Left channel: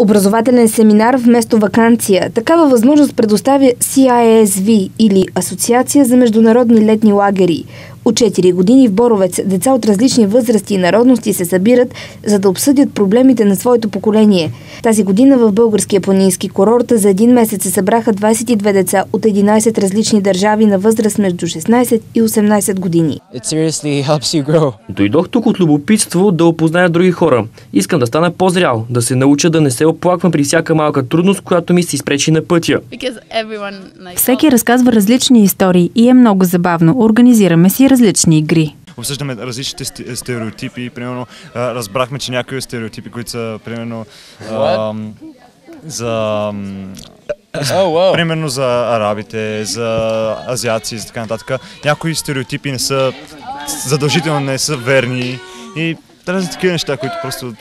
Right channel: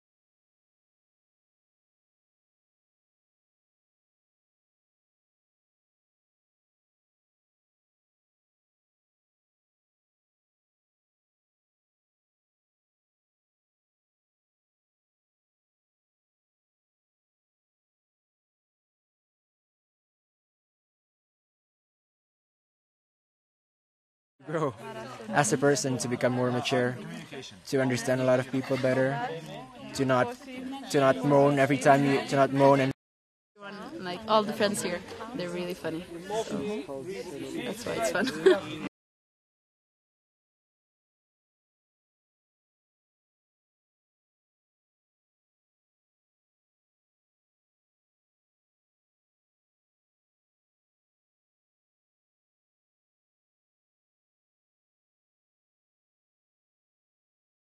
Образователен семинар вместо ваканция. Такава възможност предоставя CISV или Асоциация за международни летни лагери. От 4 години в Боровец деца от различни възрасти и народности се събират, за да обсъдят проблемите на своето поколение. Тази година в българския планински курорт за един месец се събраха 22 деца от 11 различни държави на възраст между 16 и 18 години. Дойдох тук от любопитство да опозная други хора. Искам да стана по-зрял, да се науча да не се оплаквам при всяка малка трудност, която ми се изпречи на пътя. Всеки разказва различни истории и е много забавно. Организираме си различни игри. Обсъждаме различните стереотипи. Примерно, разбрахме, че някои стереотипи, които са примерно примерно за арабите, за азиаци и така нататък. Някои стереотипи задължително не са верни и тези такива неща, които просто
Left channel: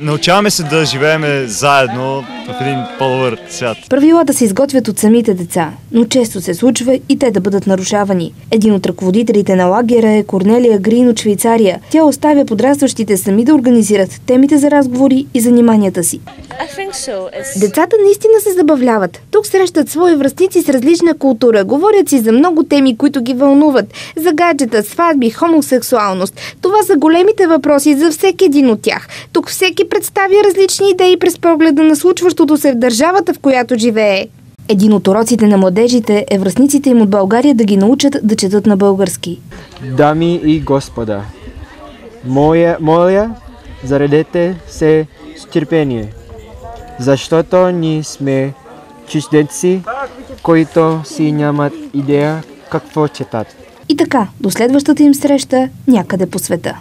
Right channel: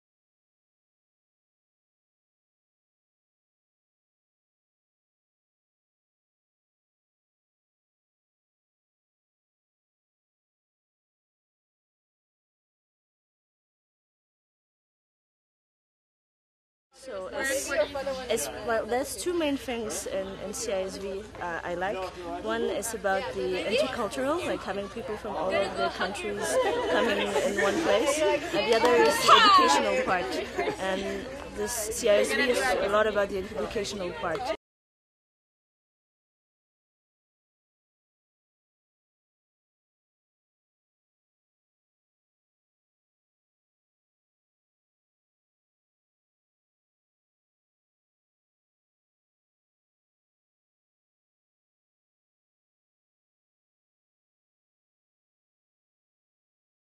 научаваме се да живеем заедно в един по-добър свят. Правилата се изготвят от самите деца, но често се случва и те да бъдат нарушавани. Един от ръководителите на лагера е Корнелия Грин от Швейцария. Тя оставя подрастващите сами да организират темите за разговори и заниманията си. Децата наистина се забавляват. Тук срещат свои връстници с различна култура. Говорят си за много теми, които ги вълнуват. За гаджета, сватби, хомосексуалност. Това са големите въпроси за всеки един от тях. Тук всеки представя различни идеи през погледа на случващото се в държавата, в която живее. Един от уроците на младежите е връстниците им от България да ги научат да четат на български. Дами и господа, моля, заредете се с търпение, защото ние сме чужденци, които си нямат идея какво четат. И така, до следващата им среща някъде по света.